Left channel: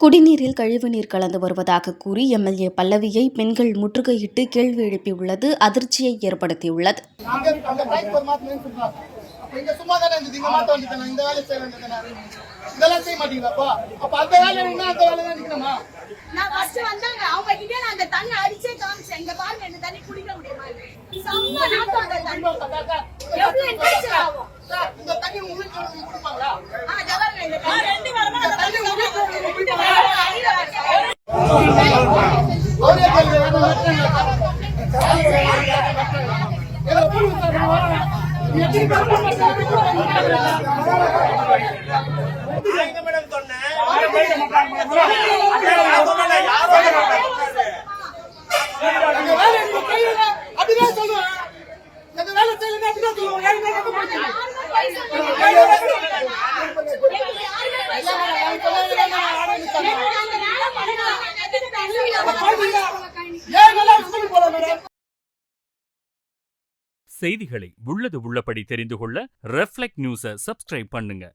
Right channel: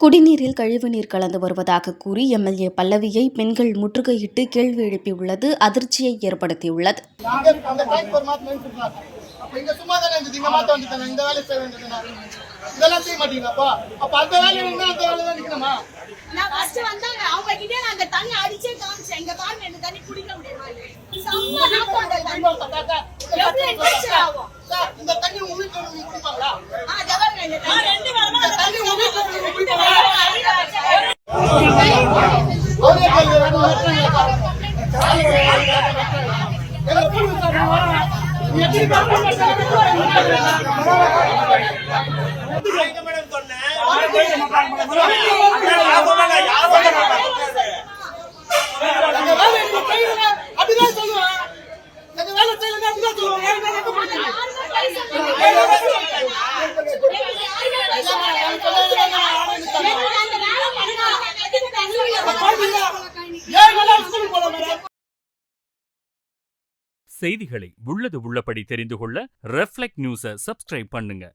குடிநீரில் கழிவுநீர் கலந்து வருவதாக கூறி எம்எல்ஏ பல்லவியை பெண்கள் முற்றுகையிட்டு கேள்வி எழுப்பியுள்ளது அதிர்ச்சியை ஏற்படுத்தியுள்ளது. செய்திகளை உள்ளது உள்ளபடி தெரிந்து கொள்ள ரெஃப்ளெக்ட் நியூஸை சப்ஸ்கிரைப் பண்ணுங்க.